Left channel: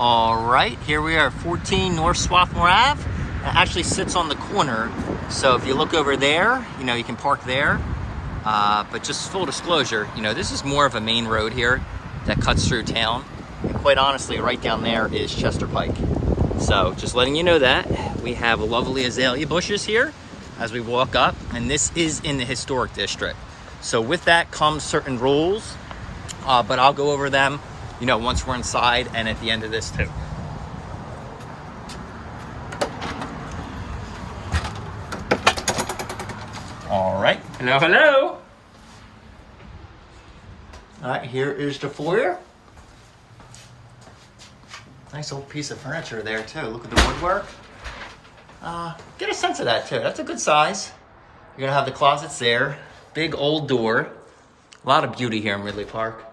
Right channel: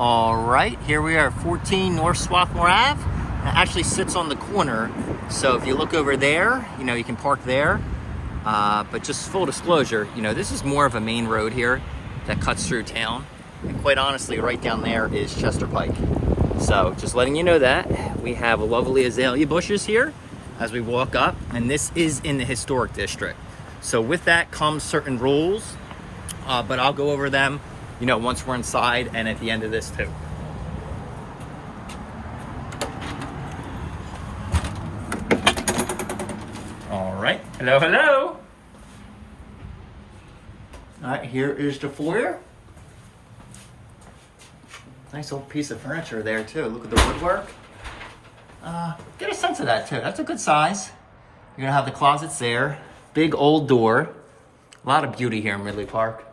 All right, here we are at 14 North Swarthmore Ave. It actually sits on the corner, so if you look over there, you can park there. But just full disclosure, this is more of a main road here that cuts through town. And quite honestly, right down there is Chester Pike. So just letting you know that. We have lovely azalea bushes here as we walk up, and this is in the historic district. So with that comes certain rules, but I'll go over them once we're inside and at the end of this too. All right, hello. All right, here is the foyer. Nice old piece of furniture there too. Look at the woodwork. Get a sense of that too. That's a good size. You're gonna have the closets there. Big old door. A lot of beauty here in Ridley Park.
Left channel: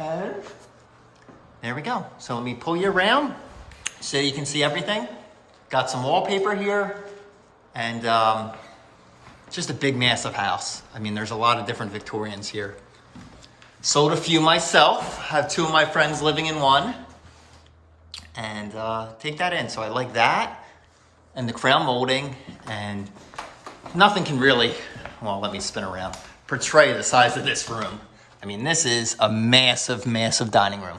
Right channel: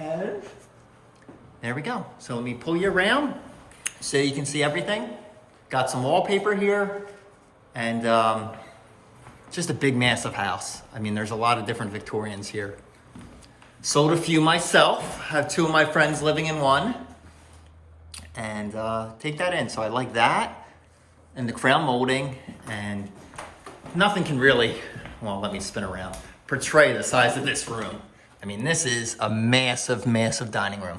And there we go. So let me pull you around so you can see everything. Got some wallpaper here, and just a big, massive house. I mean, there's a lot of different Victorians here. Sold a few myself. Have two of my friends living in one. And take that in. So I like that. And the crown molding. And nothing can really, well, let me spin around, portray the size of this room. I mean, this is a massive, massive dining room.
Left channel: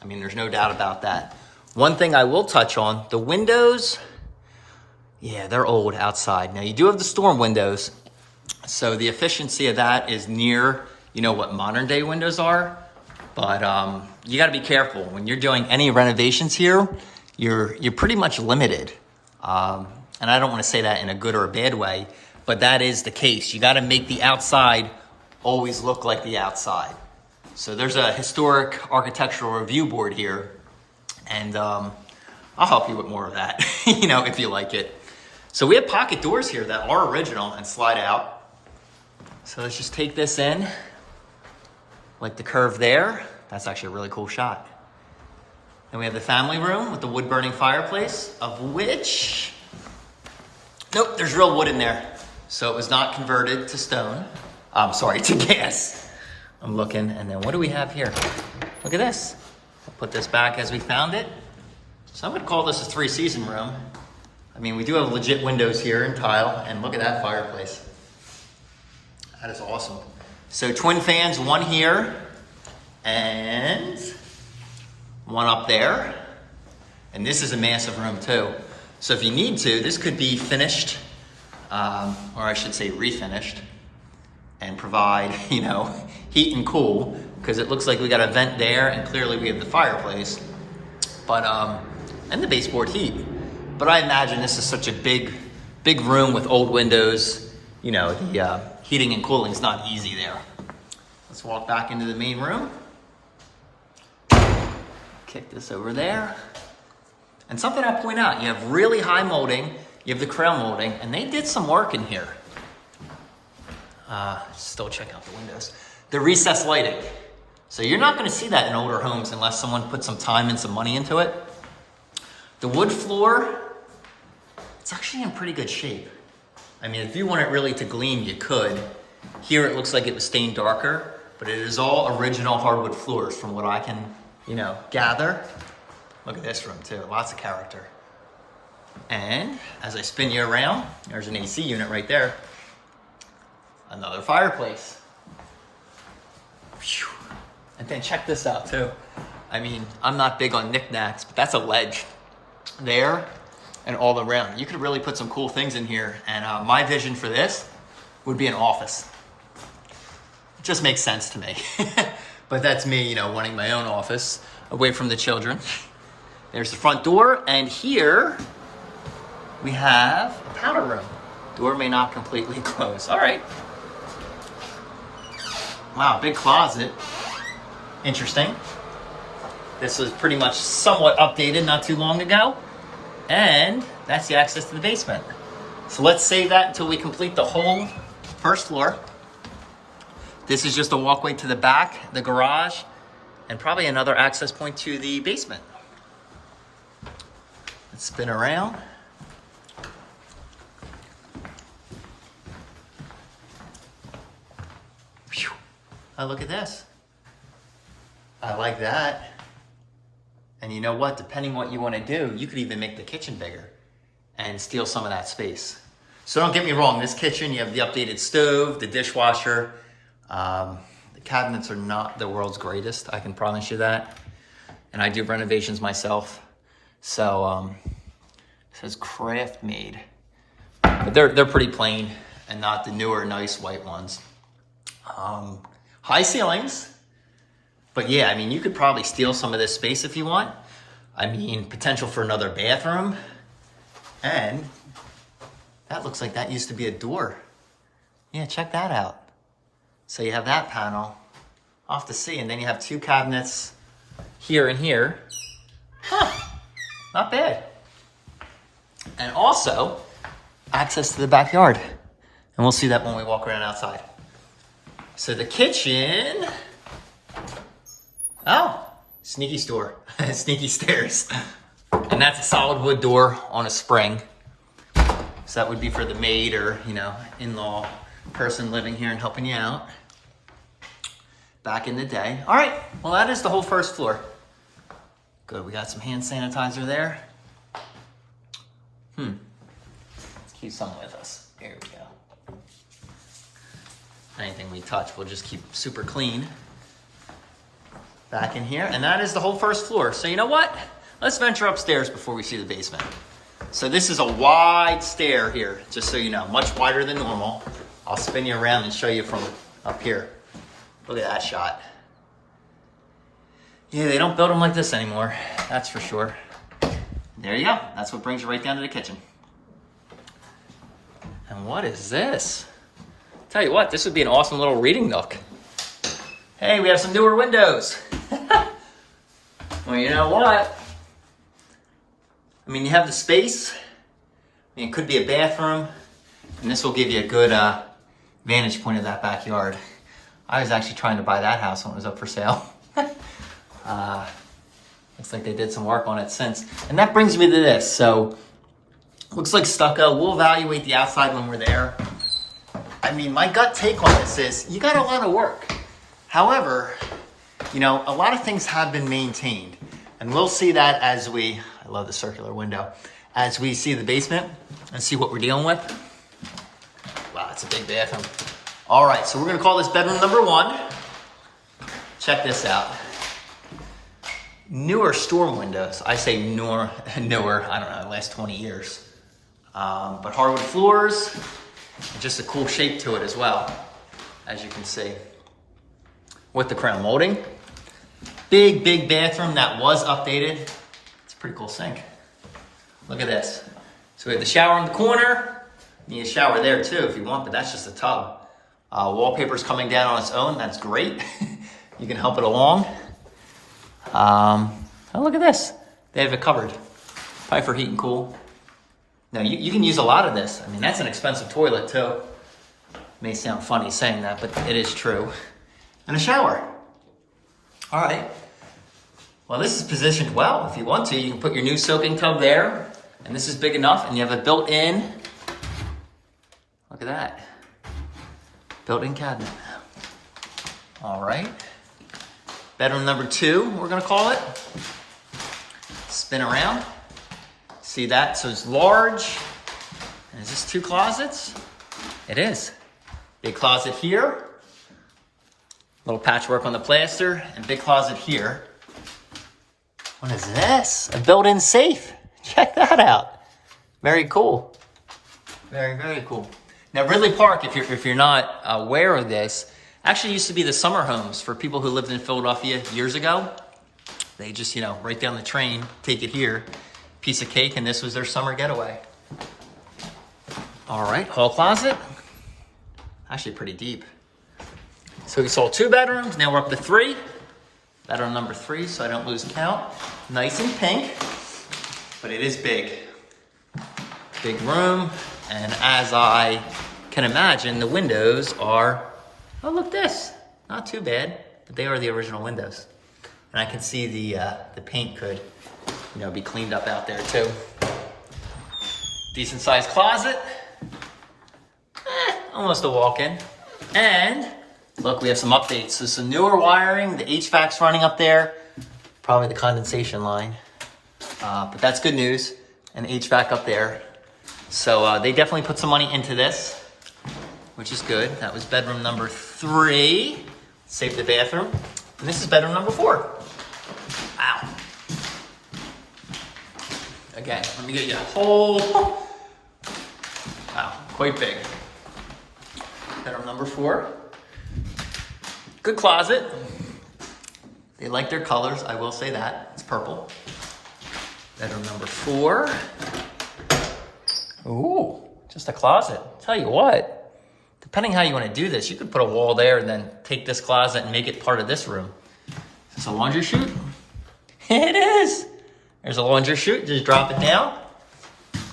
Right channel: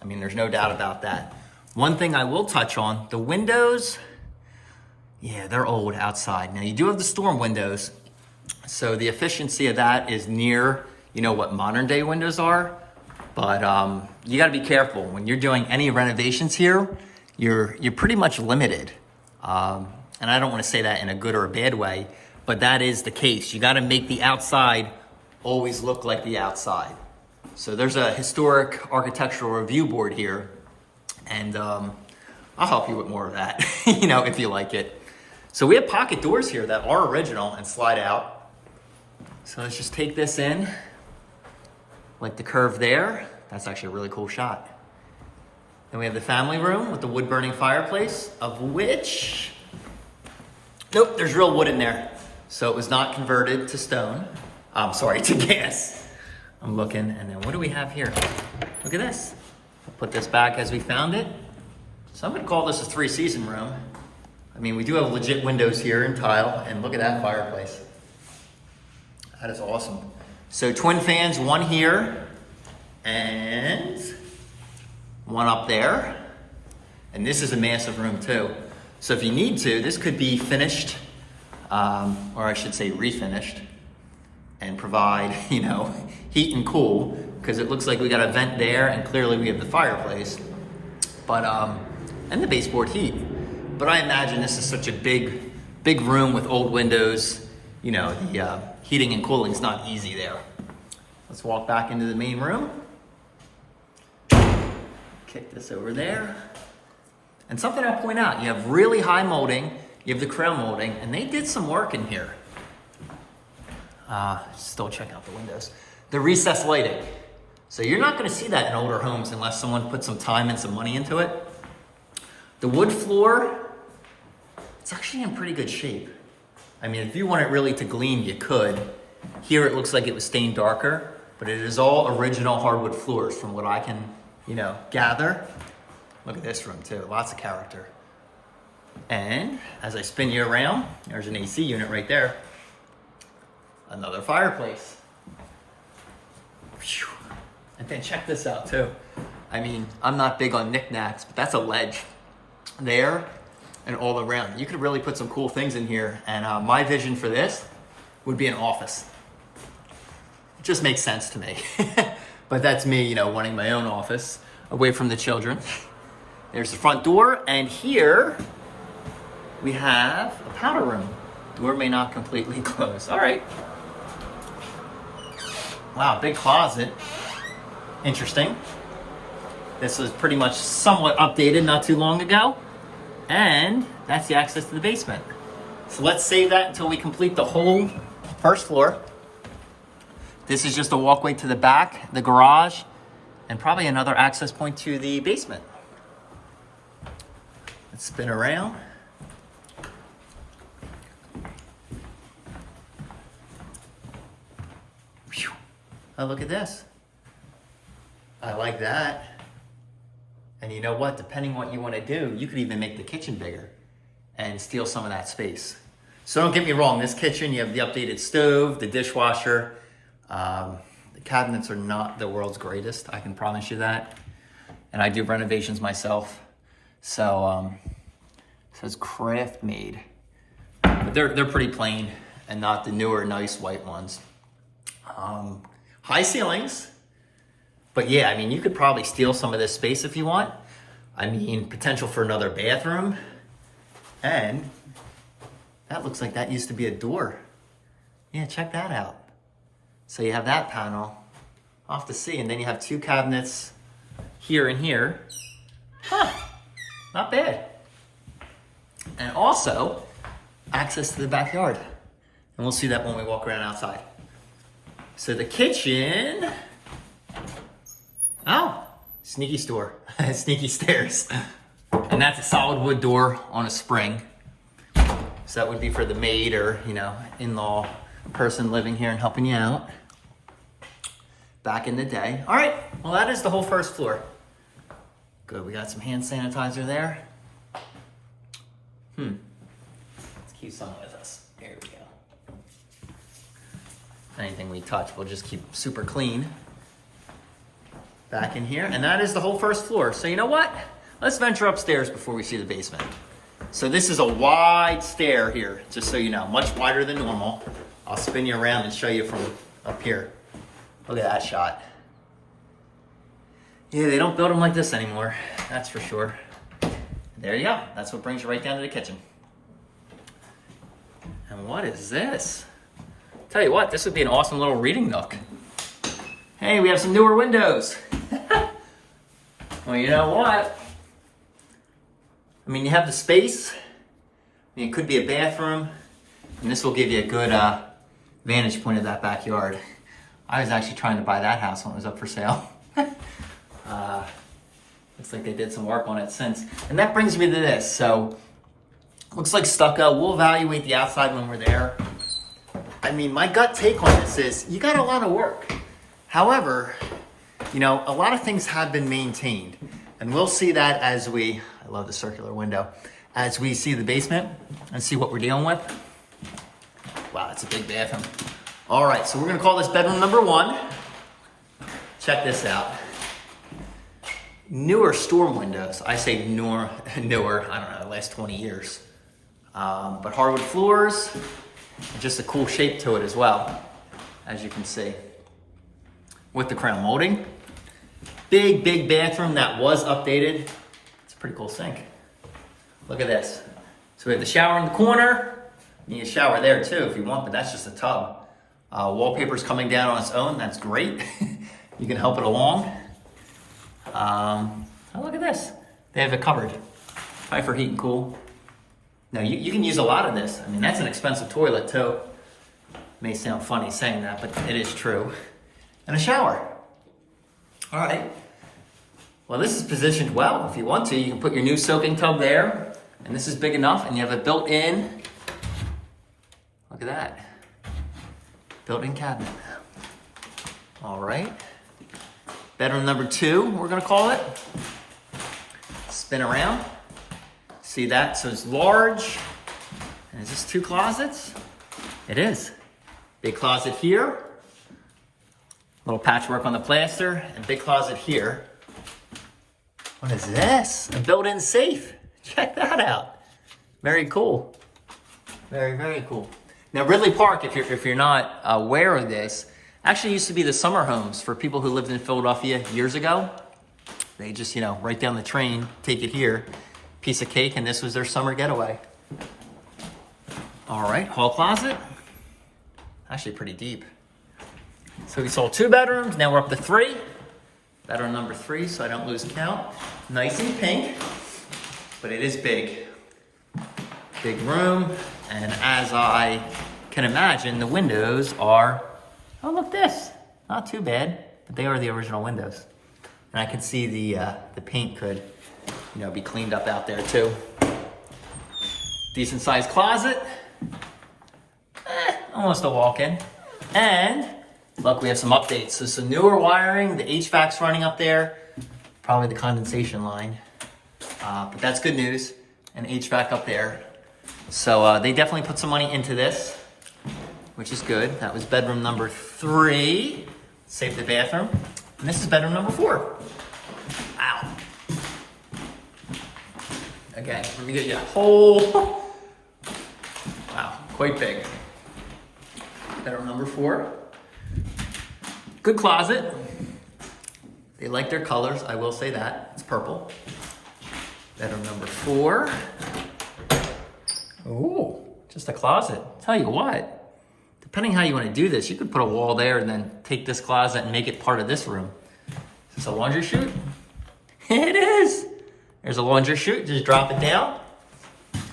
I mean, there's no doubt about that. One thing I will touch on, the windows, yeah, they're old outside. Now, you do have the storm windows, so the efficiency of that is near, what modern day windows are, but you gotta be careful. When you're doing any renovations here, you're pretty much limited. And I don't wanna say that in a good or a bad way, but that is the case. You gotta make the outside always look like the outside. So there's a historic architectural review board here, and I'll help you with more of that, if you like it. So we have pocket doors here that are original and slide out. So let's just take this in, like the curve there. That's actually a really cool shot. Then we have the family room with the wood burning fireplace, of which, nope, there's real wood in there. So it was not converted to stone. To gas. I'm looking, and then what do we have here? Look at this. I'll put this back as we found it. So I'm gonna call this a 3-season room. I mean, we do have legit windows here in tile, and look at that fireplace. That is awesome. So twin fans, one here, and one up there. And this is a massive room too. So if you need to, this could be finished, or I should say refinished, and provide, heat and cool, because it looks like we got a vent there, and clearly we have the fireplace, but, and the baseboard heat. But I imagine this is such a big room with old windows, the heating and cooling is not easy there. Let's walk back into the main room. Kick this over there. And something I'll point out, you have really high molding, you have the crown molding, and they did some work in here. Still check out the windows. The recessed lighting. So you're not gonna see that in older homes unless someone put some time and some money into it. The wood floor, it's actually in pretty good shape. I mean, if you want it really to gleam, you could. Here it looks like it was stained darker, but it is all original hardwood floors from what I can, gather. Look at this room too, lots of character. And as I spin you around, there's an AC unit right there. Another fireplace. Whew. And then check this out too. I mean, I'm not big on knickknacks, but that's a ledge there and all around. You could really put some cool things in here. And my vision for this would be an office. It just makes sense to me. But that's me, wanting my own office away from the children. There's the front door, and here we have a powder room. Door may not completely close. All right. Wow, big closet. Interesting. This was pretty much somewhat updated not too long ago. And that's the access to the basement. So let's save that until we complete the whole first floor. This is just a walkway to the back, the garage, and probably another access point to the basement. Let's spin around. Oh, look at this. I like that. And you know what? Depending what you want to do, you could even make the kitchen bigger and steal some of that space. So don't get me wrong, this kitchen, you have the updated stove, the dishwasher. The cabinets are not the world's greatest, I can promise you that. And I do renovations myself. So, it says craft made. But they're pretty plain and not the newer, nice white ones. High ceilings. But yeah, I mean, you could probably steal some of this space if you want. I mean, potential for another bathroom. And that looks like that used to be a door. Yeah, check that out. So you have that panel off the sea, and then you have two cabinets here and here. Huh, not bad. And also, access to the backyard. And we'll see that when we walk around outside. So the kitchen, oh, sneaky store, sneaky stairs. And that's a solid wood door on a spring. So that would be for the maid or, you know, in-law person living here and helping you out. Back in the day. All right, well, that is the whole first floor. Good, we got some hand sanitizer there. Let's keep some with us. There we go. Anything we touch, we'll just keep super clean. Back in here, and that is the whole first floor. So you know what? Let's venture upstairs before we see the basement. So this is a wide stair here, just so you know, much wider than normal. I'll spin you around and show you from up here. Look at that shot. Yeah, they don't build them like this anymore, that's for sure. There you go, that's what brings you right down to the kitchen. And what is this? Tell you what, this would be an awesome little reading nook. Hey, we have some newer windows. Well, you know what? I mean, you have the space. I mean, it could be a bathroom, and this will give you a good vantage point of that backyard. I was actually trying to buy that house when it was up for sale. Looks like they did some work on it since. And that brings me to this. So, looks like stucco. We'll evaluate the outside when we're there. I mean, my gut take on this is you got a lot of work. However, you know, a lot of things have been maintained. And we'll see that as we, I love the circular window, as we see the basement and see what we're dealing with. Wow, that's a big bathroom. All right, so we're gonna call this bedroom number 1. Check this out. Newer storm windows. I say newer, I don't know, the last 20 years. But hardwood floors, and just a cool shape to it as well, as you can see. With the crown molding. Big, big bathroom that was updated. It's a pretty cool sink. Look at this. So we have the shower in the corner. You need a shower there too if you want, but that's just a tub. Wallpaper's coming down on its own. That's great. You can help it along. Oh, look at this. They have it covered. Probably for heat and cool. Now, you can use a lot of this. I mean, that's an expensive toilet too. May sound funny saying that, but it is true. And a shower. All right. Well, this is positioned well. If you want to, you can put your new soaking tub there. And this is big enough, and you have a built-in, look at that, built-in cabinet. All right. Bedroom number 2, we're gonna call it. Spin around. See that? So it's large. And is this 2 closets? It is. Big closet here. Little patchwork on the plaster, and big closet here. What is this? A built-in safe. Check that out. Very cool. Very, very cool. Now, Ridley Park, if you're not aware of this, actually used to be the summer homes for people who lived in Philadelphia years ago. They just, you know, right down the train, take it here, piece of cake, and this was their summer getaway. All right, hall closet. Actually pretty deep. So we saw 2 bedrooms, now we're up to 3. Bedroom number 3, so I don't lose count. Nice and pink, but it is big. Big room, and as I can imagine, the windows are, oh, look this, not too bad, but they are the original windows. And I can see the paint could, you know, be cleaned up out there too. Decent sized closet. Almost a walk-in. And look, we have some updates. So some newer wiring, the HVAC's running up there. Probably the condensation line. But that's good news. And HVAC up there. So they definitely put some money into this, which is good. That was bedroom number 3. Save the bathroom. And this is bedroom number 4. Wow. Okay, let me get you a whole, wow, quite big. Bedroom number 4. Good closet. They like their colors, I will say that. It's purple. Bedroom number 4. Ooh, just a closet. Tell you what, depending how you want to do this, you could put a wall there and then take this closet and make it part of this room. Is this a laundry chute? It is. There's a laundry chute, just drop it down.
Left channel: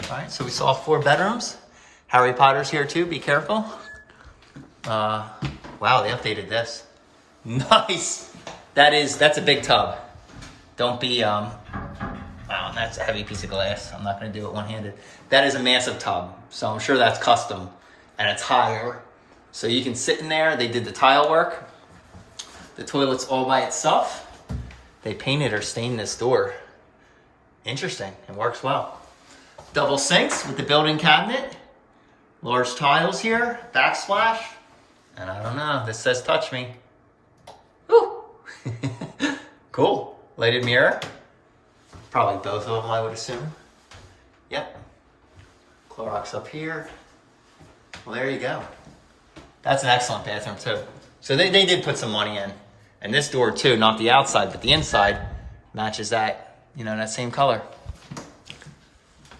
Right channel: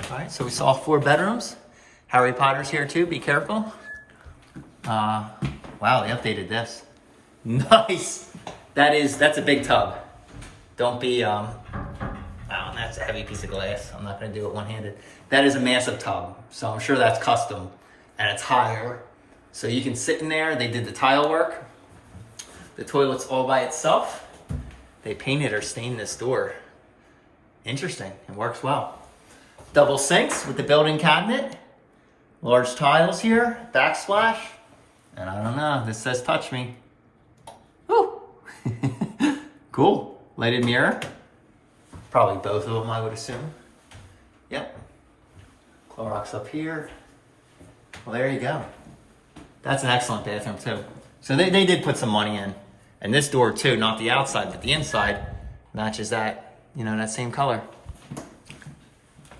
All right, so we saw 4 bedrooms. Harry Potter's here too, be careful. Wow, they updated this. Nice. That's a big tub. Don't be, wow, that's a heavy piece of glass. I'm not gonna do it one-handed. That is a massive tub, so I'm sure that's custom and it's higher. So you can sit in there, they did the tile work. The toilet's all by itself. They painted or stained this door. Interesting, it works well. Double sinks with the built-in cabinet. Large tiles here, backsplash. And I don't know, this says touch me. Woo! Cool, lighted mirror. Probably both of them, I would assume. Yep. Clorox up here. Well, there you go. That's an excellent bathroom too. So they did put some money in. And this door too, not the outside, but the inside matches that, you know, that same color.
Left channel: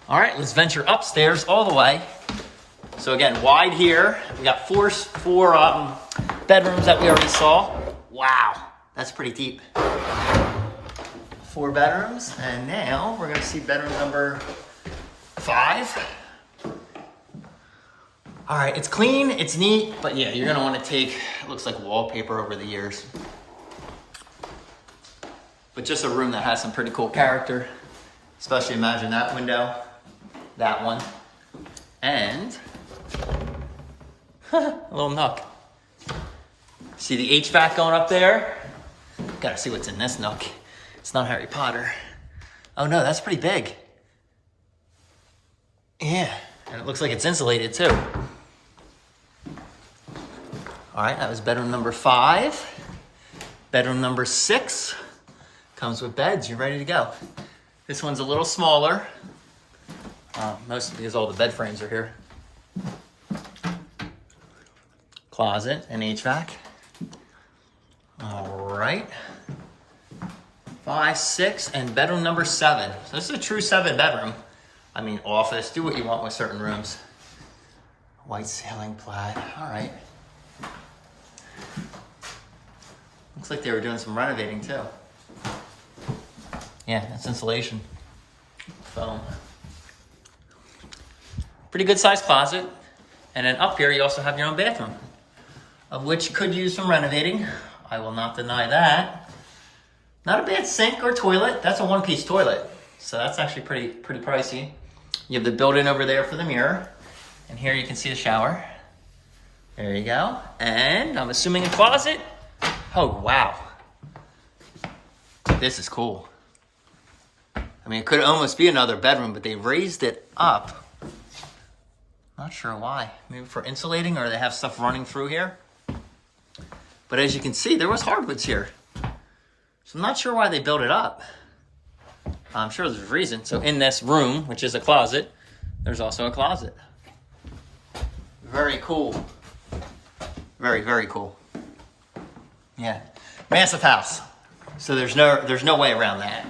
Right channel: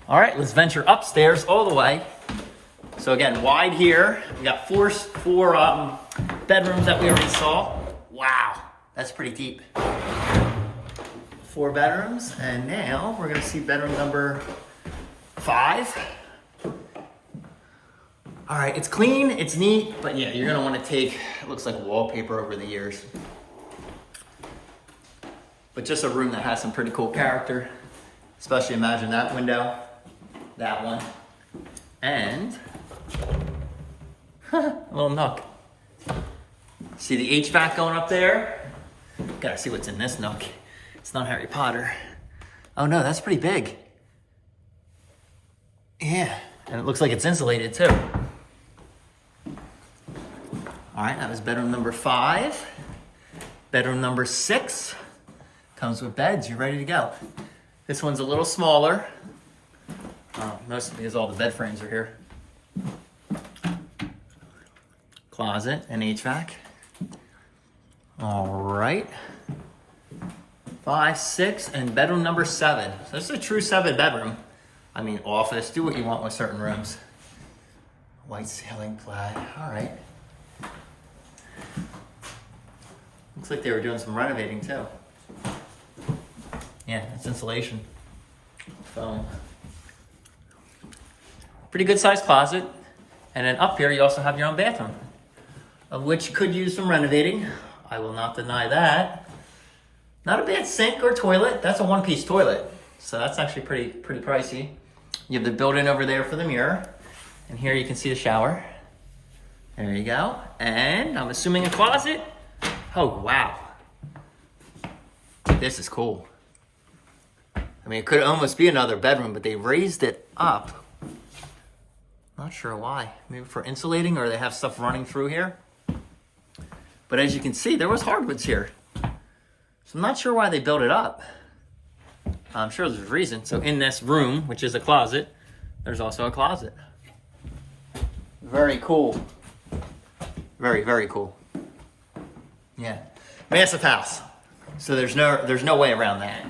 All right, let's venture upstairs all the way. So again, wide here. We got four bedrooms that we already saw. Wow, that's pretty deep. 4 bedrooms, and now we're gonna see bedroom number 5. All right, it's clean, it's neat, but yeah, you're gonna wanna take, it looks like wallpaper over the years. But just a room that has some pretty cool character. Especially imagine that window, that one, and a little nook. See the HVAC going up there? Gotta see what's in this nook. It's not Harry Potter. Oh no, that's pretty big. Yeah, and it looks like it's insulated too. All right, that was bedroom number 5. Bedroom number 6 comes with beds. You're ready to go. This one's a little smaller, mostly because all the bed frames are here. Closet and HVAC. All right. 5, 6, and bedroom number 7. So this is a true 7 bedroom. I mean, office, do what you want with certain rooms. White ceiling, plaid, all right. Looks like they were doing some renovating too. Yeah, it's insulation, foam. Pretty good sized closet. And then up here, you also have your own bathroom, of which could use some renovating. I will not deny that. Not a bad sink or toilet. That's a 1-piece toilet. So that's actually pretty pricey. You have the built-in over there for the mirror. And here you can see the shower. There you go. And I'm assuming a closet. Oh, wow. This is cool. I mean, it could almost be another bedroom, but they raised it up. Not sure why. Maybe for insulating, or they have stuff running through here. But as you can see, there was hardwoods here. So I'm not sure why they built it up. I'm sure there's a reason. So in this room, which is a closet, there's also a closet. Very cool. Very, very cool. Yeah, massive house. So there's no way around that.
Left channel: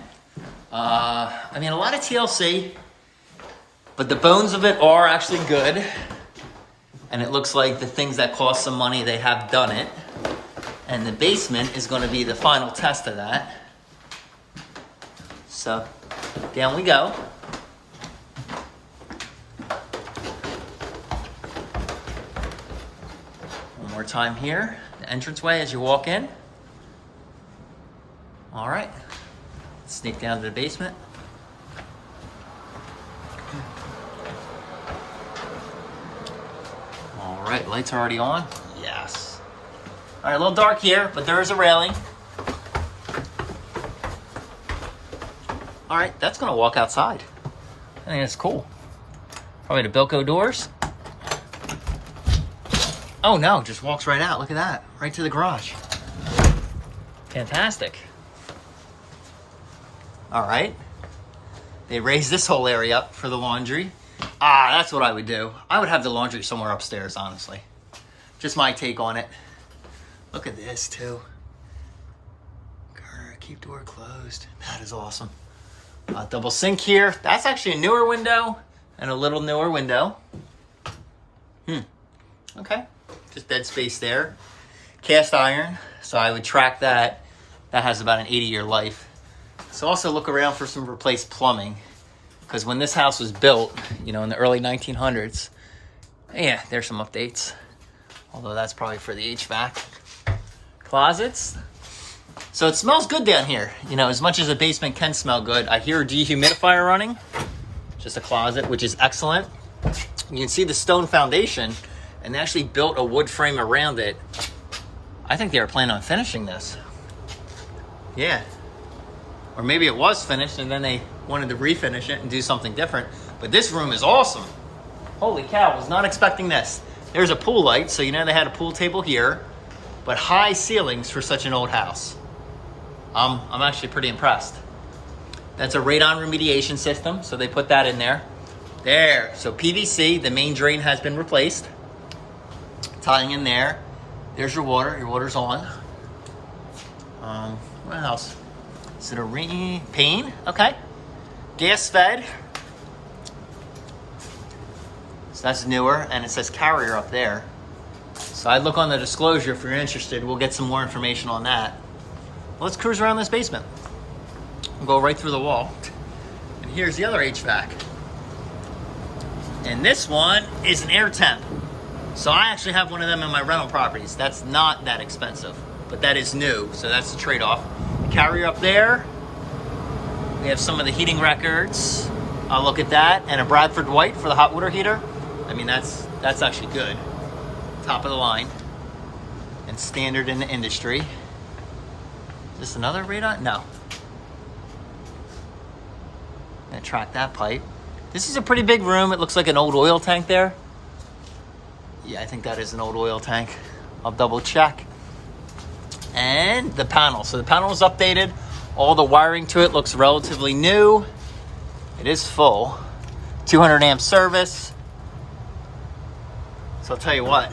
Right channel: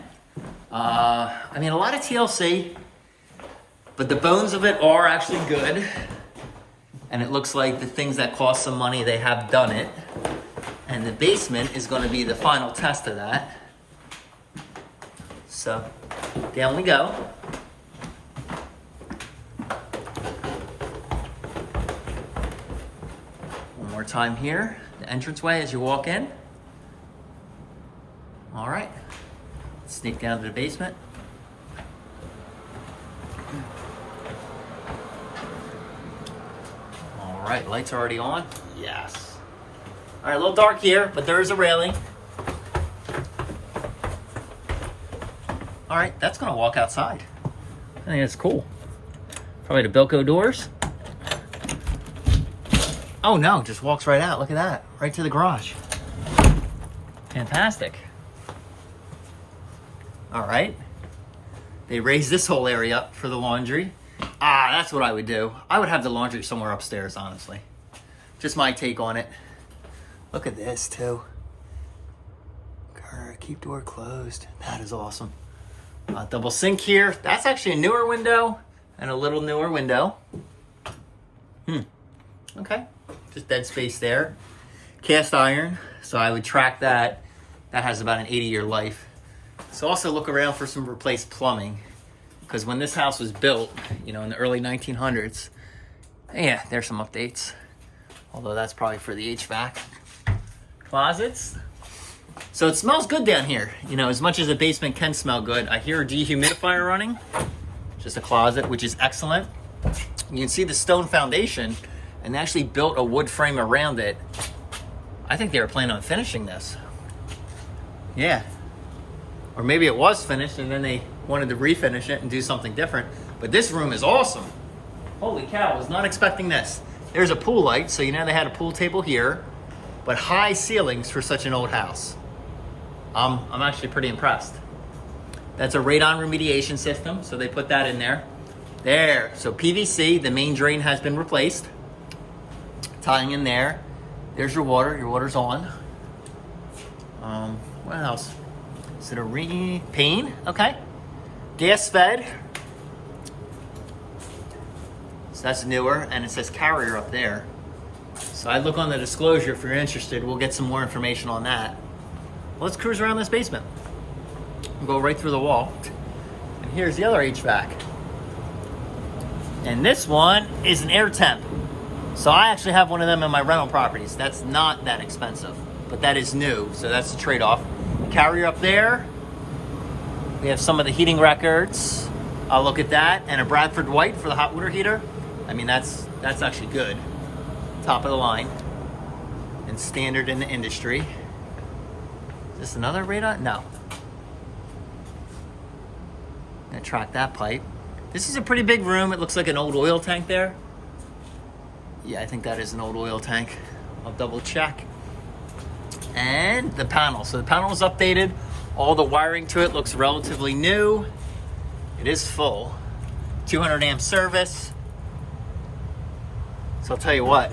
I mean, a lot of TLC, but the bones of it are actually good. And it looks like the things that cost some money, they have done it. And the basement is going to be the final test of that. So down we go. One more time here. The entranceway as you walk in. All right. Let's sneak down to the basement. All right, lights are already on. Yes. All right, a little dark here, but there is a railing. All right, that's gonna walk outside. I think it's cool. Probably the Bilko doors. Oh no, just walks right out. Look at that, right to the garage. Fantastic. All right. They raised this whole area up for the laundry. Ah, that's what I would do. I would have the laundry somewhere upstairs, honestly. Just my take on it. Look at this too. Keep door closed. That is awesome. Double sink here. That's actually a newer window and a little newer window. Okay. Just dead space there. Cast iron. So I would track that. That has about an 80-year life. So also look around for some replaced plumbing. Because when this house was built, you know, in the early 1900s, yeah, there's some updates. Although that's probably for the HVAC. Closets. So it smells good down here. You know, as much as a basement can smell good, I hear a dehumidifier running. Just a closet, which is excellent. You can see the stone foundation, and they actually built a wood frame around it. I think they were planning on finishing this. Yeah. Or maybe it was finished and then they wanted to refinish it and do something different. But this room is awesome. Holy cow, I was not expecting this. There's a pool light, so you know they had a pool table here, but high ceilings for such an old house. I'm actually pretty impressed. That's a radon remediation system, so they put that in there. There, so PVC, the main drain has been replaced. Tying in there. There's your water's on. What else? Is it a pane? Okay. Gas fed. So that's newer, and it says carrier up there. So I'd look on the disclosure if you're interested. We'll get some more information on that. Well, let's cruise around this basement. We'll go right through the wall. And here's the other HVAC. And this one is an air temp. So I actually have one of them in my rental properties. That's not that expensive, but that is new, so that's the trade-off. Carrier up there. We have some of the heating records. I'll look at that. And a Bradford White for the hot water heater. I mean, that's actually good. Top of the line. And standard in the industry. Is this another radon? No. Gonna track that pipe. This is a pretty big room. It looks like an old oil tank there. Yeah, I think that is an old oil tank. I'll double check. And the panel. So the panel is updated. All the wiring to it looks relatively new. It is full. 200 amp service. So I'll tell you what.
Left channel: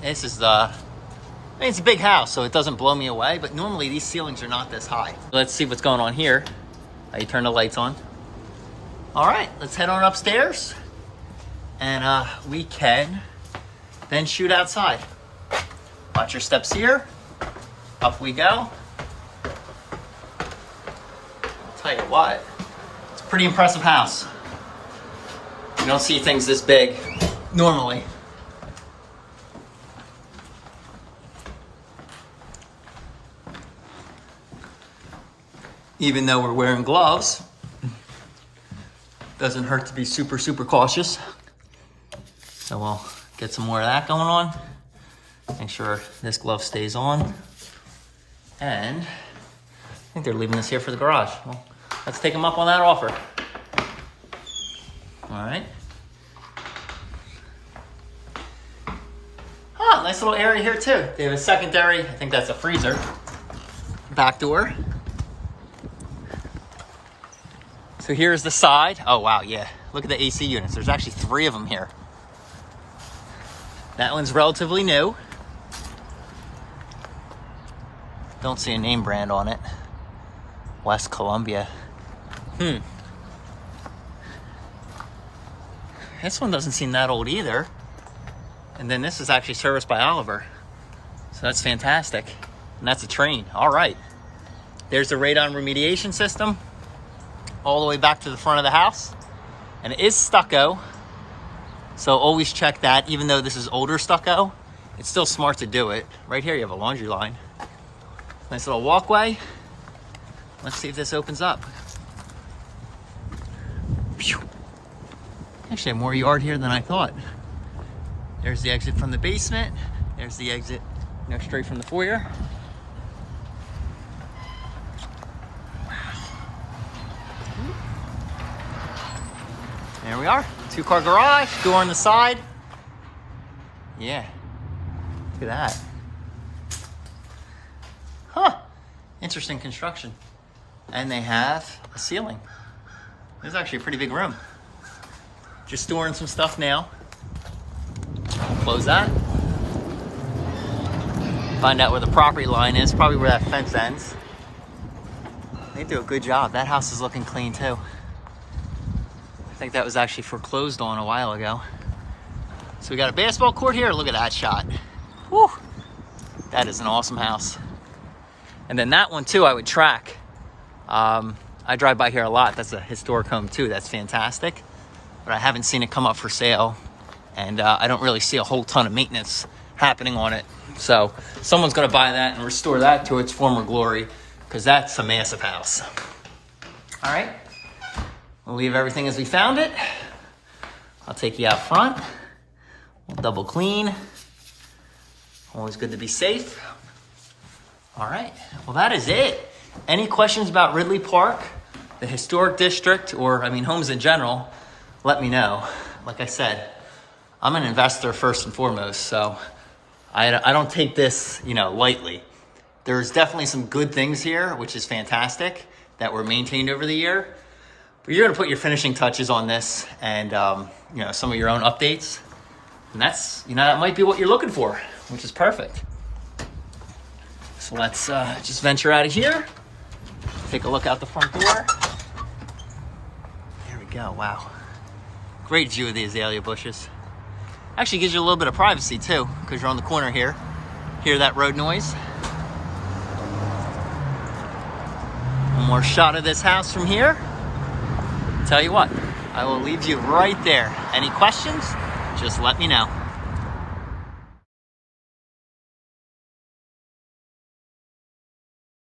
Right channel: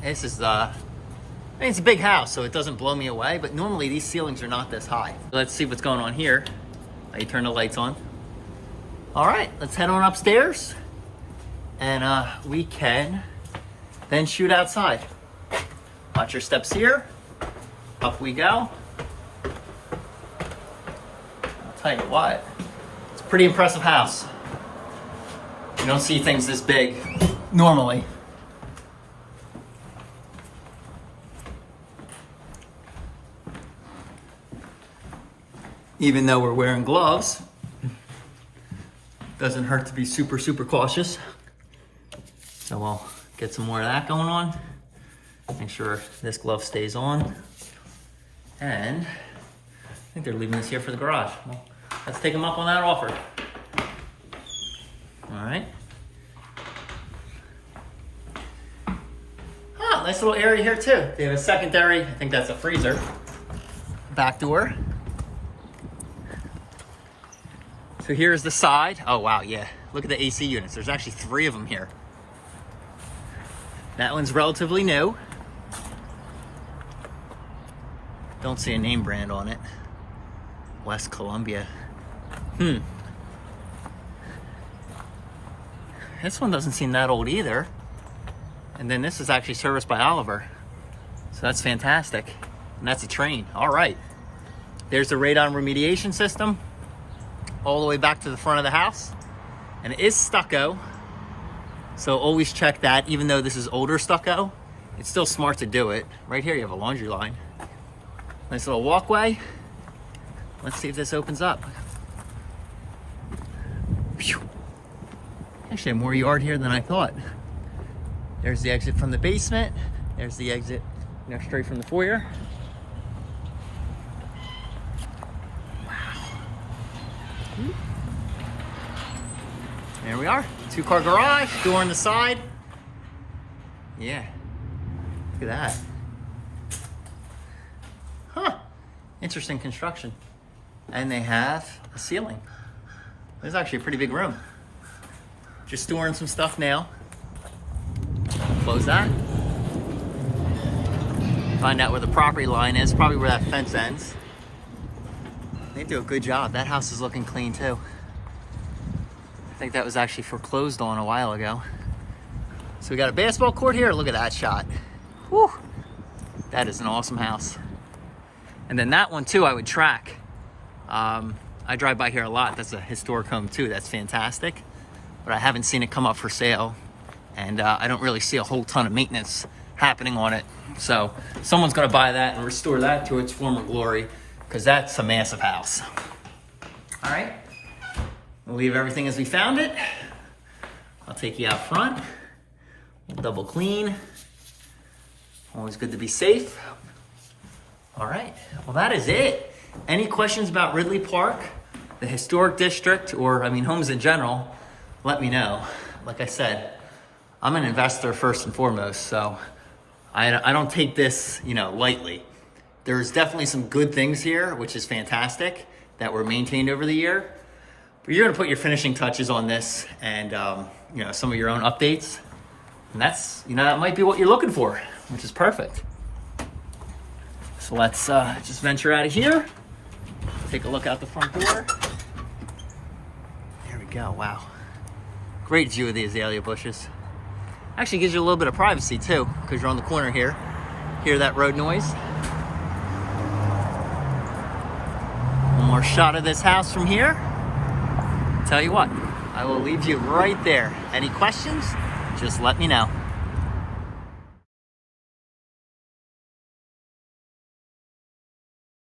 This is I mean, it's a big house, so it doesn't blow me away, but normally these ceilings are not this high. Let's see what's going on here. How you turn the lights on. All right, let's head on upstairs. And we can then shoot outside. Watch your steps here. Up we go. I'll tell you what, it's a pretty impressive house. You don't see things this big normally. Even though we're wearing gloves, doesn't hurt to be super, super cautious. So we'll get some more of that going on. Make sure this glove stays on. And I think they're leaving this here for the garage. Well, let's take them up on that offer. All right. Ah, nice little area here too. They have a secondary, I think that's a freezer. Back door. So here's the side. Oh wow, yeah. Look at the AC units. There's actually 3 of them here. That one's relatively new. Don't see a name brand on it. West Columbia. This one doesn't seem that old either. And then this is actually serviced by Oliver. So that's fantastic. And that's a train. All right. There's the radon remediation system. All the way back to the front of the house. And it is stucco. So always check that. Even though this is older stucco, it's still smart to do it. Right here you have a laundry line. Nice little walkway. Let's see if this opens up. Phew. Actually, more yard here than I thought. There's the exit from the basement. There's the exit, you know, straight from the foyer. Wow. are. 2-car garage, door on the side. Yeah, look at that. Huh, interesting construction. And they have a ceiling. This is actually a pretty big room. Just storing some stuff now. Close that. Find out where the property line is, probably where that fence ends. They do a good job. That house is looking clean too. I think that was actually foreclosed on a while ago. So we got a basketball court here. Look at that shot. Whew. That is an awesome house. And then that one too, I would track. I drive by here a lot. That's a historic home too. That's fantastic. But I haven't seen it come up for sale. And I don't really see a whole ton of maintenance happening on it. So someone's gonna buy that and restore that to its former glory, because that's a massive house. All right, we'll leave everything as we found it. I'll take you out front. We'll double clean. Always good to be safe. All right, well, that is it. Any questions about Ridley Park, the historic district, or I mean homes in general, let me know. Like I said, I'm an investor first and foremost, so I don't take this, lightly. There's definitely some good things here, which is fantastic, that were maintained over the year. But you're gonna put your finishing touches on this and, some of your own updates. And that's, that might be what you're looking for, which is perfect. So let's just venture out of here. Take a look out the front door. There we go, wow. Great view of the azalea bushes. Actually gives you a little bit of privacy too, because you're on the corner here. Hear that road noise? One more shot of this house from here. Tell you what, I will leave you right there. Any questions? Just let me know.